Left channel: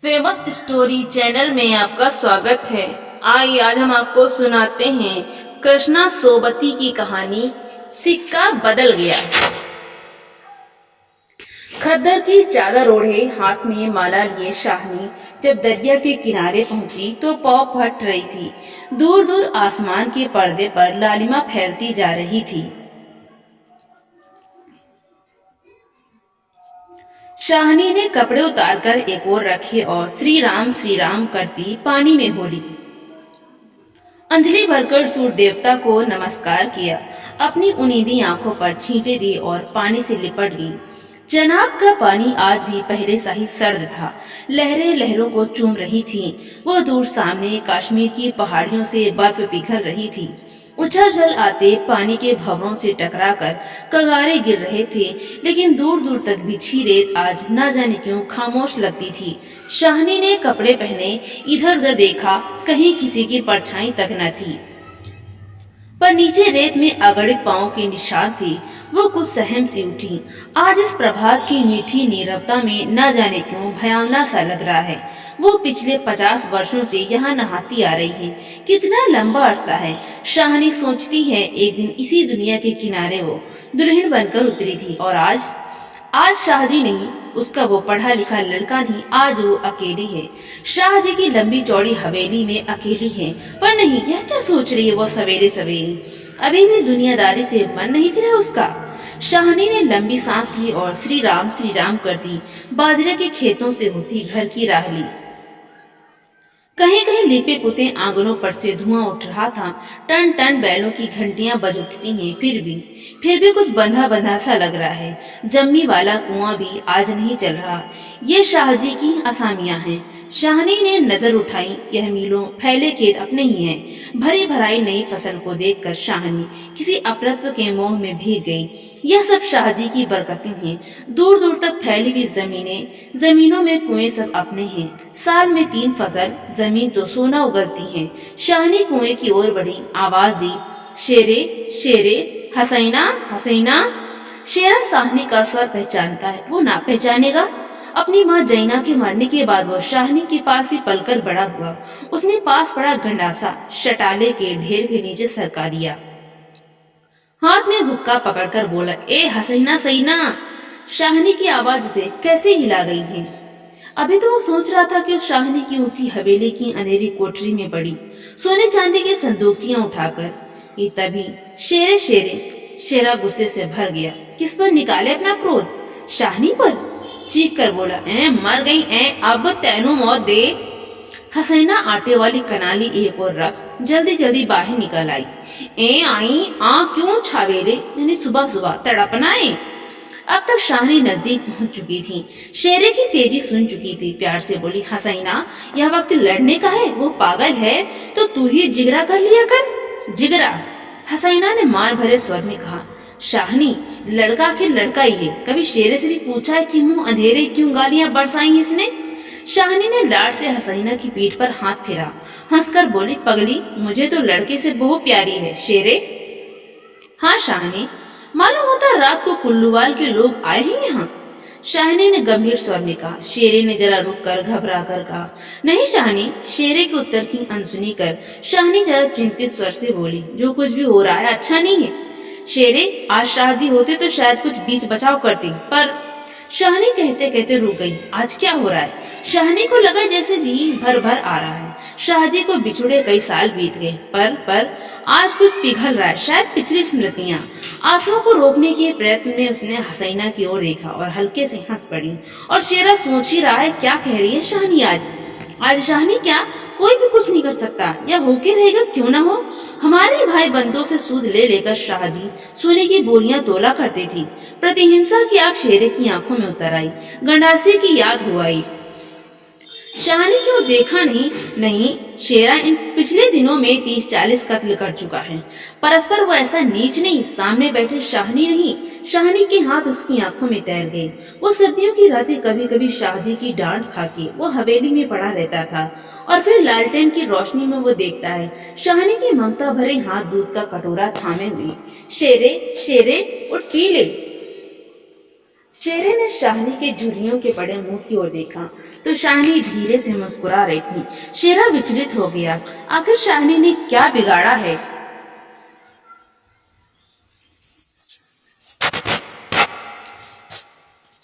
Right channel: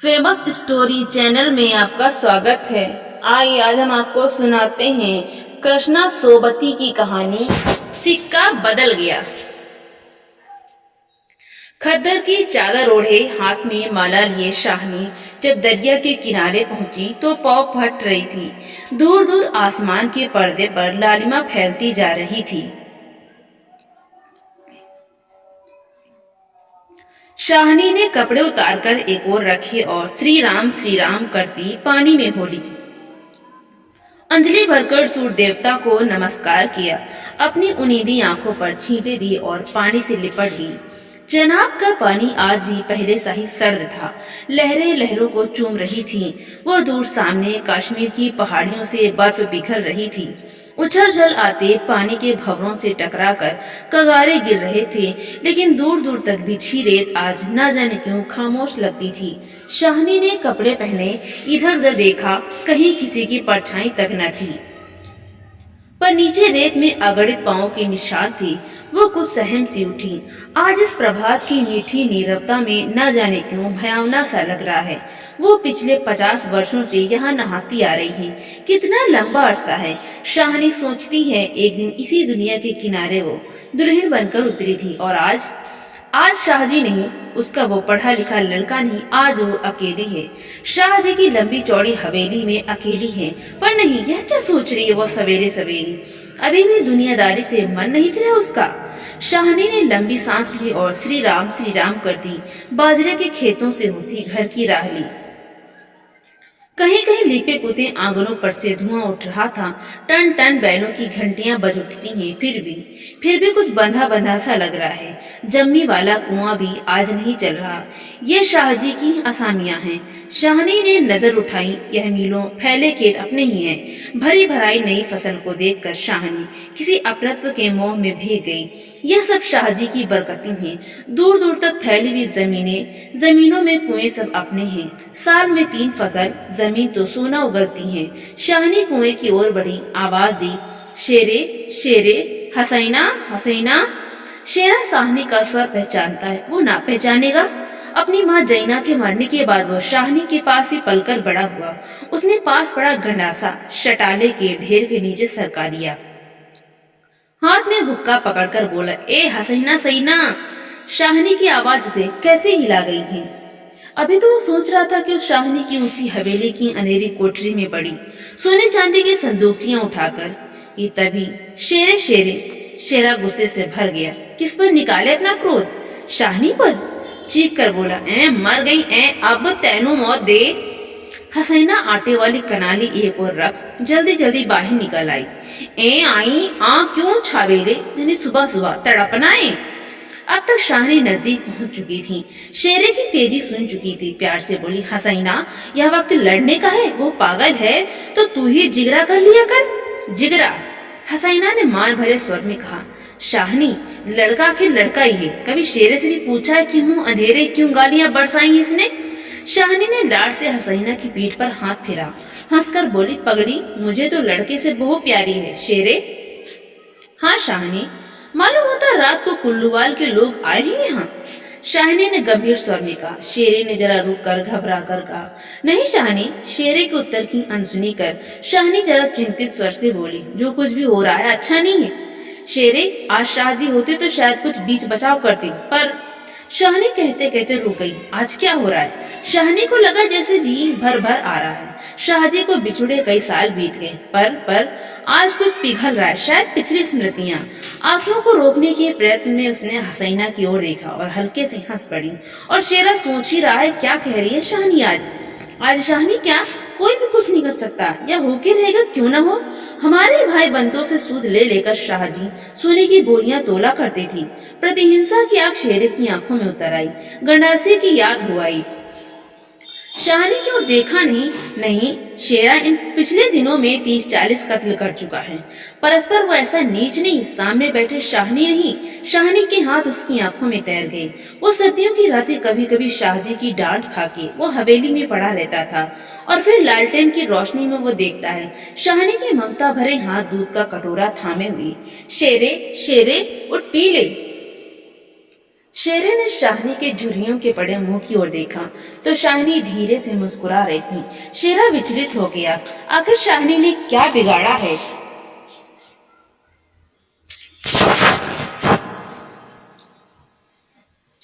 Famous story channel में आपका स्वागत है। आइए आज हम आपको सुनाते हैं कृष्णा सोबती की कहानी सिक्का बदल गया। खद्दर की चादर ओढ़े हाथ में माला लिए शाहनी जब दरिया के किनारे पहुंची तो पौ फट रही थी। दूर दूर आसमान के पर्दे पर लालिमा फैलती जा रही थी। शाहनी ने कपड़े उतारकर एक ओर रखे और श्री राम करती पानी में हो ली। अंजलि भरकर सूर्य देवता को नमस्कार किया, अपनी उनीदी आंखों पर छींटे दी और पानी से लिपट गई। जनाब का पानी आज भी पहले सा ही सर्द था। लहरें लहरों को चूम रही थीं। वो दूर सामने कश्मीर की पहाड़ियों से बर्फ पिघल रही थी। उछल आते पानी के भंवरों से टकराकर कगारे गिर रहे थे, लेकिन दूर दूर तक बिछी रेत आज न जाने क्यों खामोश लगती थी। शाहनी ने कपड़े पहने इधर उधर देखा, कहीं किसी की परछाई तक न थी। पर नीचे रेत में अगणित पांवों के निशान थे। वो कुछ सहम सी उठी। आज इस प्रभात की मीठी नीरवता में न जाने क्यों भयावना सा लग रहा है। वो पिछले 50 वर्षों से यहाँ नहाती आ रही है। कितना लंबा अरसा है। शाहनी सोचती है एक दिन इसी दुनिया के किनारे वो दुल्हन बनकर उतरी थी और आज शाहजी नहीं, उसका वो पढ़ा लिखा लड़का नहीं, आज वो अकेली है। शाहजी की लंबी चौड़ी हवेली में अकेली है। पर नहीं, यह क्या सोच रही है वो सवेरे सवेरे? अभी भी दुनियादारी से मन नहीं फिरा उसका। शाहनी ने लंबी सांस ली और श्री राम कर दी। बाजरे के खेतों से होती घर की राह ली। कहीं कहीं लीपे पुते आंगनों पर से धुआं उठ रहा था। टन टन बैलों की घंटियां बज उठती हैं। फिर भी कुछ बंधा बंधा सा लग रहा है। जम्मी वाला कुआं भी आज नहीं चल रहा। ये शाहजी की असामियां हैं। शाहनी ने नजर उठाई। यह मीलों फैले खेत अपने ही हैं। भरी भराई नई फसल को देखकर शाहनी किसी अपरत्व के मोह में भीग गई। यह सब शाहजी की बरकतें हैं। दूर दूर तक फैली हुई जमीनों में कुएं सब अपने हैं। साल में 3 फसल, जमीन तो सोना उगलती है। शाहनी कुएं की ओर बढ़ी, आवाज दी, शेरे शेरे, हसैना हसैना। शेरा शाहनी का स्वर पहचानता है, वो ना पहचानेगा? अपनी माँ जैना के मरने के बाद वो शाहनी के पास ही पलकर बड़ा हुआ। उसने पास पड़ा गंडासा शटाले के ढेर के नीचे सरका दिया। हाथ में हुक्का पकड़कर बोला, ए हसैना सैना। शाहनी की आवाज उसे कैसे हिला गई है। अभी तो वो सोच रहा था कि उस शाहनी की ऊंची हवेली की अंधेरी कोठरी में पड़ी सोने चांदी की संदूकचियां उठाकर ये तभी शेरे शेरे शेरा गुस्से से भर गया। किस पर निकाले अपना क्रोध? शाहनी पर। चीख कर बोला, ए मर गई, ए अब तैनू मौत दे। हसैना आटे वाली कनाली एक और रख जल्दी जल्दी बाहर निकल आई। ए आई आ क्यों छावेले, मैंने सुबह सुबह तड़पना है। अब तक शाहनी नजदीक पहुंच चुकी थी। शेरे की तेजी सुन चुकी थी। प्यार से बोली, हसैना यह वक्त लड़ने का है। वो पागल है तो तू ही जिगरा कर लिया कर। जिगरा? हसैना ने मार भरे स्वर में कहा। शाहनी, लड़का आखिर लड़का ही है। कभी शेरे से भी पूछा है कि मुंह अंधेरे क्यों गालियां बरसाई है इसने? शाहनी ने लाड से हसैना की पीठ पर हाथ फेरा। हंसकर बोली, पगली, मुझे तो लड़के से बहुत प्यारी है। शेरे? हाँ शाहनी, मालूम होता रात को कुल्लूवाल के लोग आए हैं यहाँ। शाहनी ने गंभीर स्वर में कहा। शेरे ने जरा रुक कर घबरा कर कहा, नहीं शाहनी। शेरे के उत्तर की अनसुनी कर शाहनी जरा चिंतित स्वर से बोली, जो कुछ भी हो रहा है अच्छा नहीं है। शेरे, आज शाहजी होते तो शायद कुछ बीच बचाव करती, पर शाहनी कहते कहते रुक गई। आज क्या हो रहा है? शाहनी को लगा जैसे जी भर भर आ रहा है। शाहजी को बिछुड़े कई साल बीत गए, पर आज कुछ पिघल रहा है, शायद पिछली स्मृतियां। आंसुओं को रोकने के प्रयत्न में उसने हसैना की ओर देखा और हल्के से हंस पड़ी। और शेरा सोच ही रहा है क्या कह रही है शाहनी आज शाहनी क्या कोई भी कुछ नहीं कर सकता, या होके रहेगा क्यों ना हो। हमारे भाई बंदों से सूद ले लेकर शाहजी सोने की बोरियां तोला करते थी। प्रतिहिंसा की आग शेरे की आंखों में उतर आई। गंडासे की याद हो आई। शाहनी की ओर देखा नहीं, शेरा इन पिछले दिनों में 30-40 कत्ल कर चुका है। परस्पर वो ऐसा नीच नहीं, सामने बैठे शाहनी नहीं। शाहनी के हाथ उसकी आंखों में तैर गए। वो सर्दियों की रातें कभी कभी शाहजी की डांट खाके वो हवेली में पड़ा रहता था और फिर लालटेन की रोशनी में वो देखता है शाहनी की ममता भरे हाथ दूध का कटोरा थामे हुई। शेरे शेरे उठ पी ले। शेरे ने शाहनी के झुर्रियों के पड़े मुंह की ओर देखा तो शाहनी धीरे से मुस्कुरा रही थी। शेरा विचलित हो गया। आखिर शाहनी ने क्या बिगाड़ा है?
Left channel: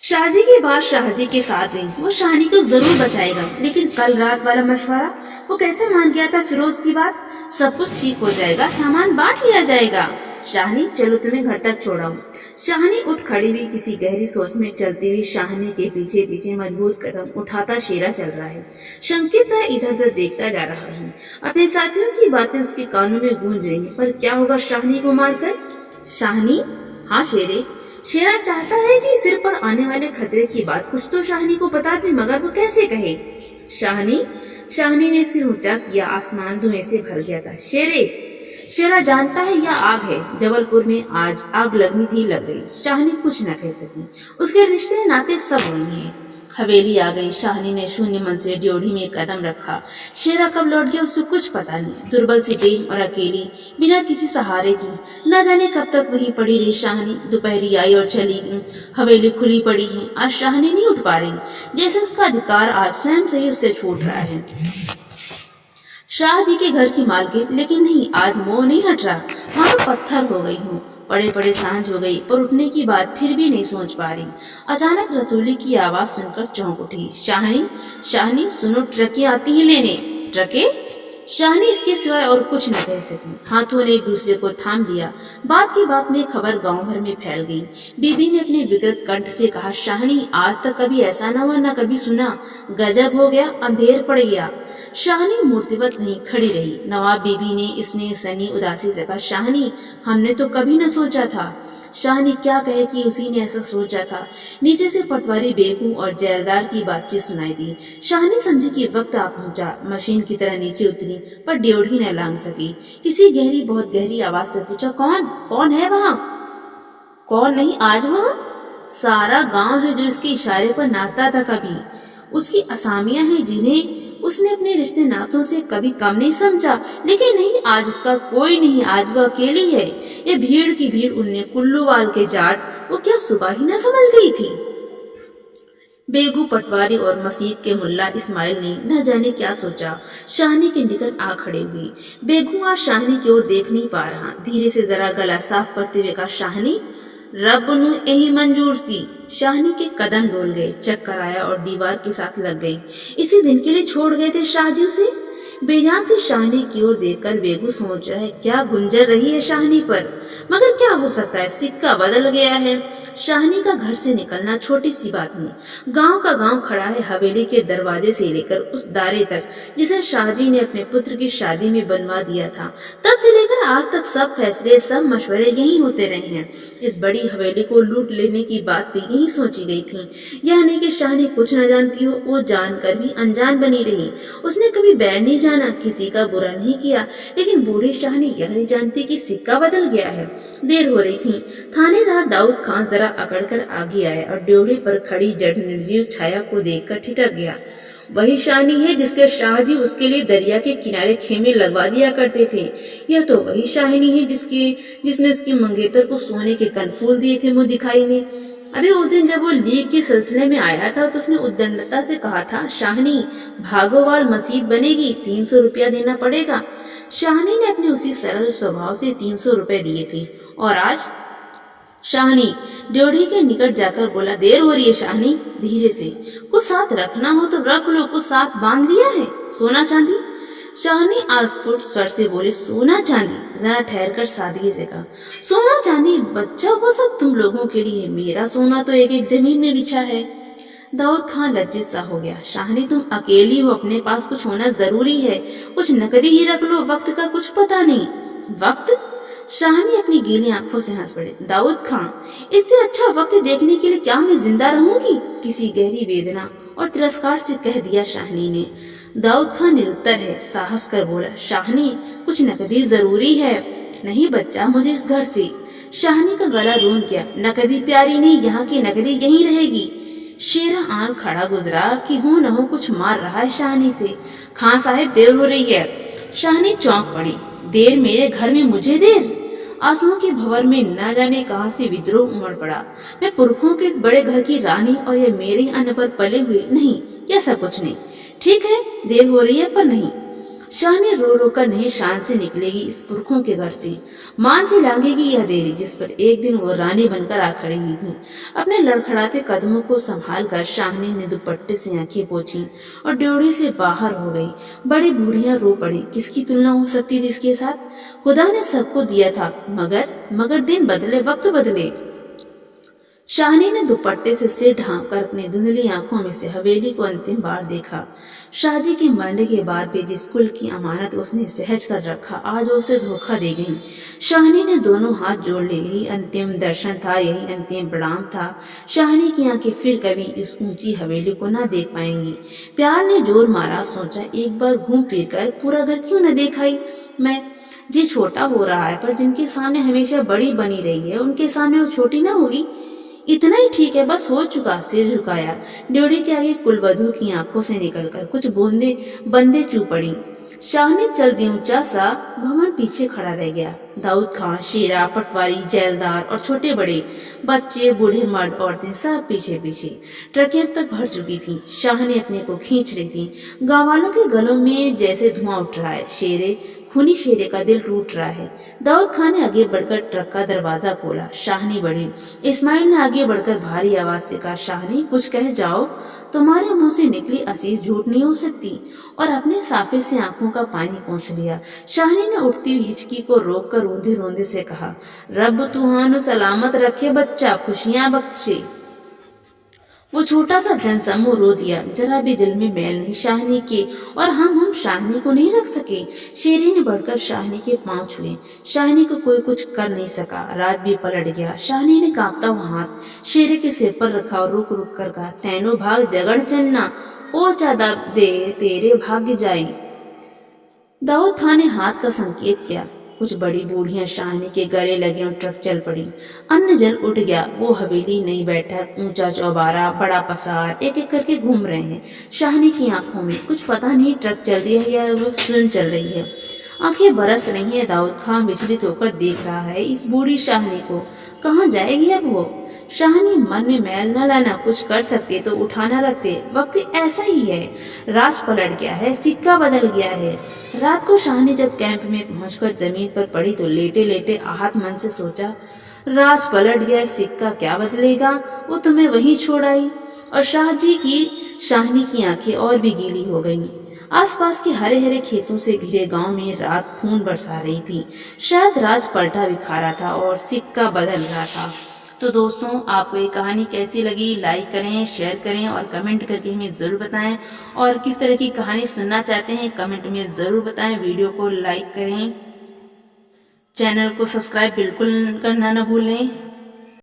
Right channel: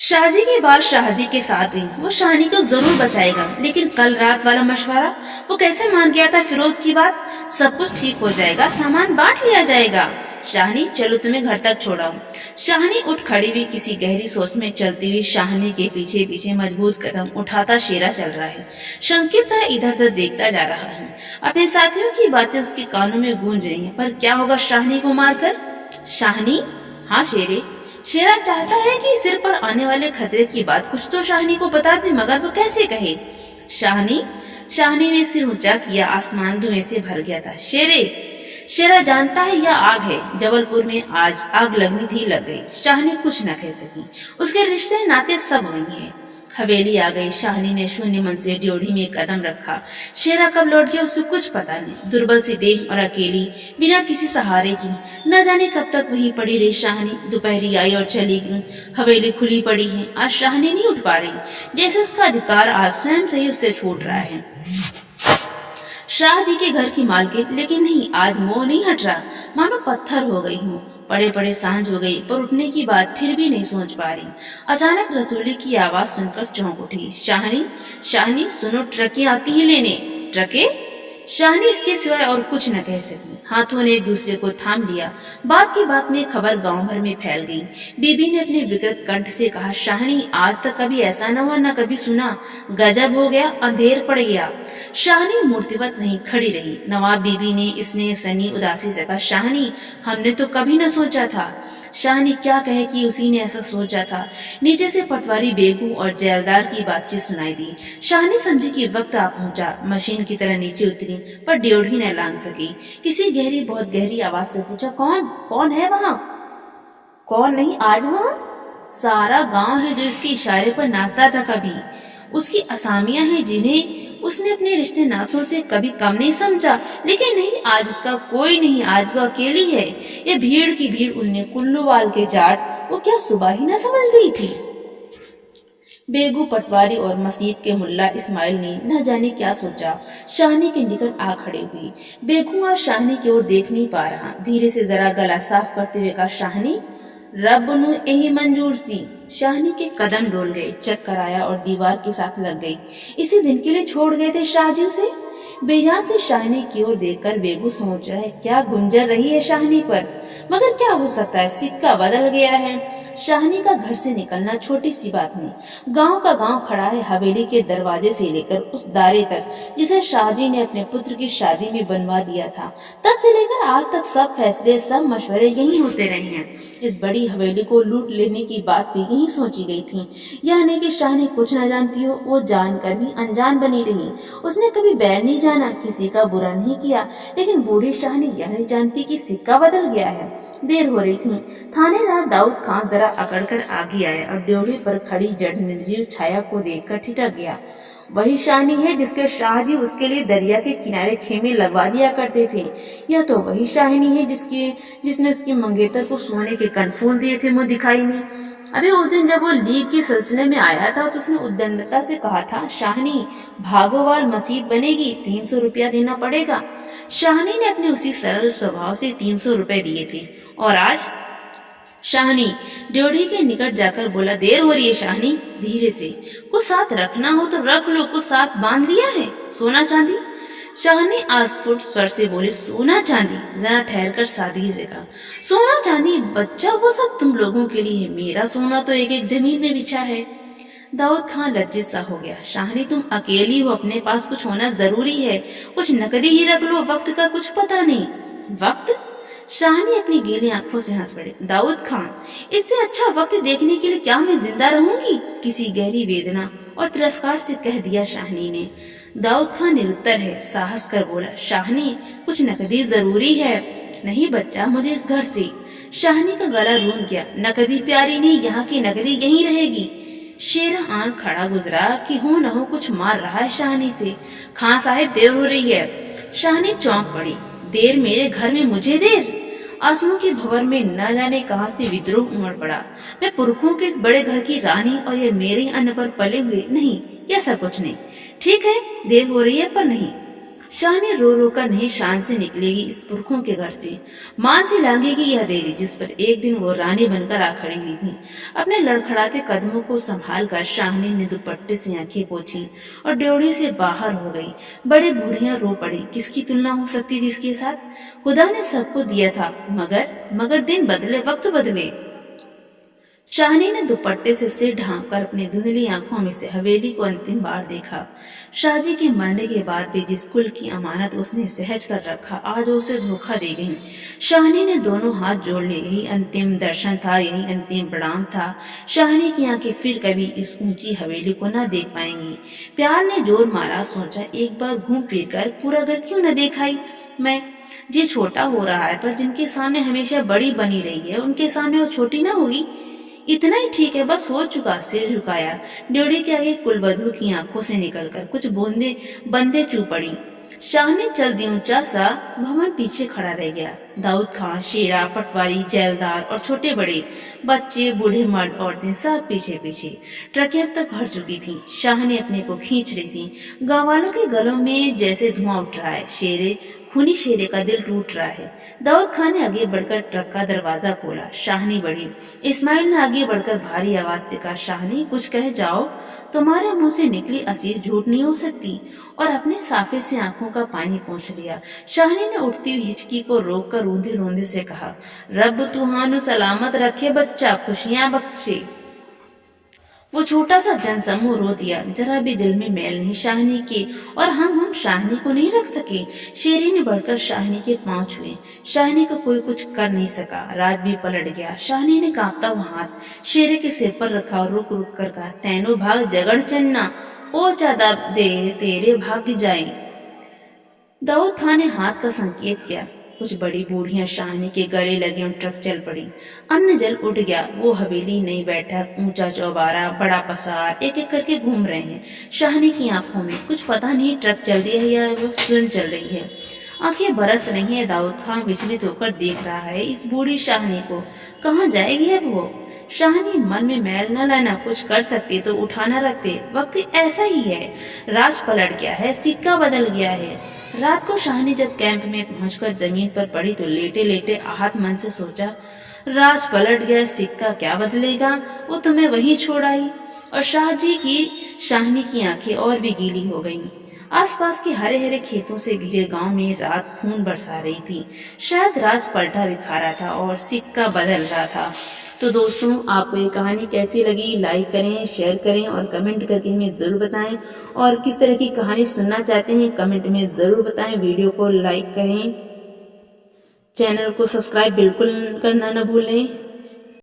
शाहजी की बात शाहजी के साथ गई। वो शाहनी को जरूर बचाएगा, लेकिन कल रात वाला मशवरा वो कैसे मान गया था फिरोज की बात? सब कुछ ठीक हो जाएगा, सामान बांट लिया जाएगा। शाहनी चलो तुम्हें घर तक छोड़ाऊं। शाहनी उठ खड़ी हुई, किसी गहरी सोच में चलती हुई शाहनी के पीछे पीछे मजबूत कदम उठाता शेरा चल रहा है। शंकित था, इधर उधर देखता जा रहा है। अपने साथियों की बातें उसके कानों में गूंज रही है। पर क्या होगा शाहनी को मारकर? शाहनी, हाँ शेरे। शेरा चाहता है कि सिर पर आने वाले खतरे की बात कुछ तो शाहनी को बता दे, मगर वो कैसे कहे? शाहनी। शाहनी ने सिर ऊंचा किया। आसमान धुएं से भर गया था। शेरे। शेरा जानता है यह आग है। जबलपुर में आज आग लगनी थी, लग गई। शाहनी कुछ न कह सकी। उसके रिश्ते नाते सब वही हैं। हवेली आ गई। शाहनी ने शून्य मन से ड्योढ़ी में कदम रखा। शेरा कब लौट गया उसे कुछ पता नहीं। दुर्बल सी देह और अकेली, बिना किसी सहारे की, न जाने कब तक वहीं पड़ी रही शाहनी। दोपहरी आई और चली गई। हवेली खुली पड़ी है। आज शाहनी नहीं उठ पा रही, जैसे उसका अधिकार आज स्वयं से ही उससे छूट रहा है। शाह जी के घर की मालकिन, लेकिन नहीं, आज मोह नहीं हट रहा। मानो पत्थर हो गई हूँ। पड़े पड़े सांझ हो गई, पर उठने की बात फिर भी नहीं सोच पा रही। अचानक रसूली की आवाज सुनकर चौंक उठी। शाहनी, शाहनी सुनो, ट्रकें आती हैं लेने। ट्रकें? शाहनी इसके सिवाय और कुछ न कह सकी। हाथों ने एक दूसरे को थाम लिया। बात की बात में खबर गांव भर में फैल गई। बीबी ने अपने विकृत कंठ से कहा, शाहनी आज तक कभी ऐसा न हुआ, न कभी सुना। गजब हो गया, अंधेर पड़ गया। शाहनी मूर्तिवत वहीं खड़ी रही। नवाब बीबी ने इसने सनी उदासी से कहा, शाहनी हमने तो कभी न सोचा था। शाहनी क्या कहे कि उसी ने ऐसा सोचा था। नीचे से पटवारी बेगू और जेलदार की बातचीत सुनाई दी। शाहनी समझी कि वक्त आ पहुंचा। मशीन की तरह नीचे उतरी, पर ड्योढ़ी न लांग सकी। किसी गहरी, बहुत गहरी आवाज से पूछा, कौन कौन है वहां? कौन नहीं, आज वहां सारा गांव है जो इसके इशारे पर नाचता था। कभी उसकी असामियां हैं जिन्हें उसने अपने रिश्ते नातों से कभी कम नहीं समझा, लेकिन नहीं, आज उसका कोई नहीं। आज वह अकेली है। ये भीड़ की भीड़, उनने कुल्लूवाल के जाट, वो क्या सुबह ही न समझ गई थी? बेगू, पटवारी और मस्जिद के मुल्ला इस्माइल ने न जाने क्या सोचा, शाहनी के निकट आ खड़े हुए। बेगू आज शाहनी की ओर देख नहीं पा रहा। धीरे से जरा गला साफ करते हुए कहा, शाहनी रब नु यही मंजूर सी। शाहनी के कदम डोल गए, चक्कर आया और दीवार के साथ लग गई। इसी दिन के लिए छोड़ गए थे शाहजी उसे। बेजान से शाहनी की ओर देखकर बेगू सोच रहा है, क्या गुंजर रही है शाहनी पर, मगर क्या हो सकता है, सिक्का बदल गया है। शाहनी का घर से निकलना छोटी सी बात नहीं। गांव का गांव खड़ा है, हवेली के दरवाजे से लेकर उस दारे तक जिसे शाहजी ने अपने पुत्र की शादी में बनवा दिया था। तब से लेकर आज तक सब फैसले, सब मशवरे यही होते रहे हैं। इस बड़ी हवेली को लूट लेने की बात भी यही सोची गई थी। यह नहीं कि शाहनी कुछ न जानती हो, वो जानकर भी अनजान बनी रही। उसने कभी बैर नहीं जाना, किसी का बुरा नहीं किया, लेकिन बूढ़ी शाहनी यह नहीं जानती कि सिक्का बदल गया है। देर हो रही थी। थानेदार दाऊद खान जरा अकड़कर आगे आया और ड्योढ़ी पर खड़ी जड़ निर्जीव छाया को देखकर ठिठक गया। वही शाहनी है जिसके शाहजी उसके लिए दरिया के किनारे खेमे लगवा दिया करते थे। यह तो वही शाहनी है जिसने उसकी मंगेतर को सोने के कनफूल दिए थे मुंह दिखाई में। अभी उस दिन जब वो लीग के सिलसिले में आया था तो उसने उद्दंडता से कहा था, शाहनी भागोवाल मस्जिद बनेगी, 300 रुपया देना पड़ेगा। शाहनी ने अपने उसी सरल स्वभाव से 300 रुपए दिए थे। और आज शाहनी ड्योढ़ी के निकट जाकर बोला, देर हो रही है शाहनी, धीरे से, कुछ साथ रखना हो तो रख लो, कुछ साथ बांध लिया है, सोना चांदी? शाहनी आस्फुट स्वर से बोली, सोना चांदी? जरा ठहर कर सादगी से कहा, सोना चांदी बच्चा वो सब तुम लोगों के लिए, मेरा सोना तो एक एक जमीन में बिछा है। दाऊद खान लज्जित सा हो गया। शाहनी तुम अकेली हो, अपने पास कुछ होना जरूरी है, कुछ नकदी ही रख लो, वक्त का कुछ पता नहीं। वक्त? शाहनी अपनी गीली आंखों से हंस पड़ी। दाऊद खान, इससे अच्छा वक्त देखने के लिए क्या मैं जिंदा रहूंगी? किसी गहरी वेदना और तिरस्कार से कह दिया शाहनी ने। दाऊद खान निरुत्तर है, साहस कर बोला, शाहनी कुछ नकदी जरूरी है। नहीं बच्चा, मुझे इस घर से। शाहनी का गला रूंध गया। नकदी प्यारी नहीं, यहाँ की नकदी यहीं रहेगी। शेरा आंख खड़ा गुजरा कि हो न हो कुछ मार रहा है शाहनी से। खां साहिब, देर हो रही है। शाहनी चौंक पड़ी। देर? मेरे घर में मुझे देर? आंसुओं के भंवर में न जाने कहां से विद्रोह उमड़ पड़ा। मैं पुरखों के इस बड़े घर की रानी और ये मेरे ही अन्न पर पले हुए नहीं, यह सब कुछ नहीं। ठीक है, देर हो रही है पर नहीं। शाहनी रो रो कर नहीं शान से निकलेगी इस पुरखों के घर से। मान से लांघेगी यह देरी जिस पर एक दिन वो रानी बनकर आ खड़ी हुई थी। अपने लड़खड़ाते कदमों को संभाल कर शाहनी ने दुपट्टे से आंखें पोंछी और ड्योढ़ी से बाहर हो गई। बड़ी बूढ़ियां रो पड़ी। किसकी तुलना हो सकती थी इसके साथ? खुदा ने सबको दिया था, मगर दिन बदले, वक्त बदले। शाहनी ने दुपट्टे से सिर ढांपकर अपनी धुंधली आंखों में से हवेली को अंतिम बार देखा। शाहजी के मरने के बाद भी जिस कुल की अमानत उसने सहज कर रखा, आज उसे धोखा दे गई। शाहनी ने दोनों हाथ जोड़ लिए। यही अंतिम दर्शन था, यही अंतिम प्रणाम था। शाहनी की आंखें फिर कभी इस ऊंची हवेली को न देख पाएंगी। प्यार ने जोर मारा, सोचा एक बार घूम फिर कर पूरा घर क्यों न देखाई। मैं जी छोटा हो रहा है, पर जिनके सामने हमेशा बड़ी बनी रही है उनके सामने वो छोटी ना होगी। इतना ही ठीक है, बस हो चुका। सिर झुकाया। ड्योढ़ी के आगे कुलवधू की आंखों से निकलकर कुछ बूंदे बंदे चू पड़ी। शाहनी चल दी। ऊंचा सा भवन पीछे खड़ा रह गया। दाऊद खान, शेरा, पटवारी, जैलदार और छोटे बड़े बच्चे, बूढ़े मर्द, औरतें सब पीछे पीछे। ट्रकें अब तक भर चुकी थी। शाहनी अपने को खींच रही थी। गांव वालों के गलों में जैसे धुआं उठ रहा है। खूनी शेरे का दिल टूट रहा है। दाऊद खान ने आगे बढ़कर ट्रक का दरवाजा खोला। शाहनी बढ़ी। इस्माइल ने आगे बढ़कर भारी आवाज से कहा, शाहनी कुछ कह जाओ, तुम्हारे मुंह से निकली असीस झूठ नहीं हो सकती। और अपने साफे से आंखों का पानी पोंछ लिया। शाहनी ने उठती हुई हिचकी को रोक कर रोंदे रोंदे से कहा, रब तुहानु सलामत रखे बच्चा, खुशियां बख्शे। वो छोटा सा जनसमूह रो दिया। जरा भी दिल में मैल नहीं शाहनी के, और हम शाहनी को नहीं रख सके। शेरी ने बढ़कर शाहनी के पांव छुए। शाहनी को कोई कुछ कर नहीं सका। राज भी पलट गया। शाहनी ने कांपता हुआ हाथ शेरे के सिर पर रखा और रुक रुक कर कहा, तैनो भाग जगड़ चन्ना, ओ चादा दे तेरे भाग्य जाए। दाऊद खान ने हाथ का संकेत किया। कुछ बड़ी बूढ़ियां शाहनी के गले लगे और ट्रक चल पड़ी। अन्न जल उठ गया। वो हवेली, नई बैठक, ऊंचा चौबारा, बड़ा पसार एक एक करके घूम रहे हैं। शाहनी की आंखों में कुछ पता नहीं ट्रक चल दिया है या वो स्वयं चल रही है। आंखें बरस रही है। दाऊद खान विचलित होकर देख रहा है इस बूढ़ी शाहनी को। कहाँ जाएगी अब वो? शाहनी मन में मैल न लाना। कुछ कर सकते तो उठा न रखते। वक्त ऐसा ही है। राज पलट गया है, सिक्का बदल गया है। रात को शाहनी जब कैंप में पहुंचकर जमीन पर पड़ी तो लेटे लेटे आहत मन से सोचा, राज पलट गया, सिक्का क्या बदलेगा, वो तुम्हें वहीं छोड़ आई। और शाहनी की आंखें और भी गीली हो गईं। आसपास के हरे हरे खेतों से घिरे गांव में रात खून बरसा रही थी। शायद राज पलटा बिखारा था और सिक्का बदल रहा था। तो दोस्तों, आपको ये कहानी कैसी लगी? लाइक करें, शेयर करें और कमेंट करके हमें ज़रूर बताएं। और किस तरह की कहानी सुनना चाहते हैं कमेंट में ज़रूर बताएं। वीडियो को लाइक करें, चैनल को सब्सक्राइब बिल्कुल करना न भूलें।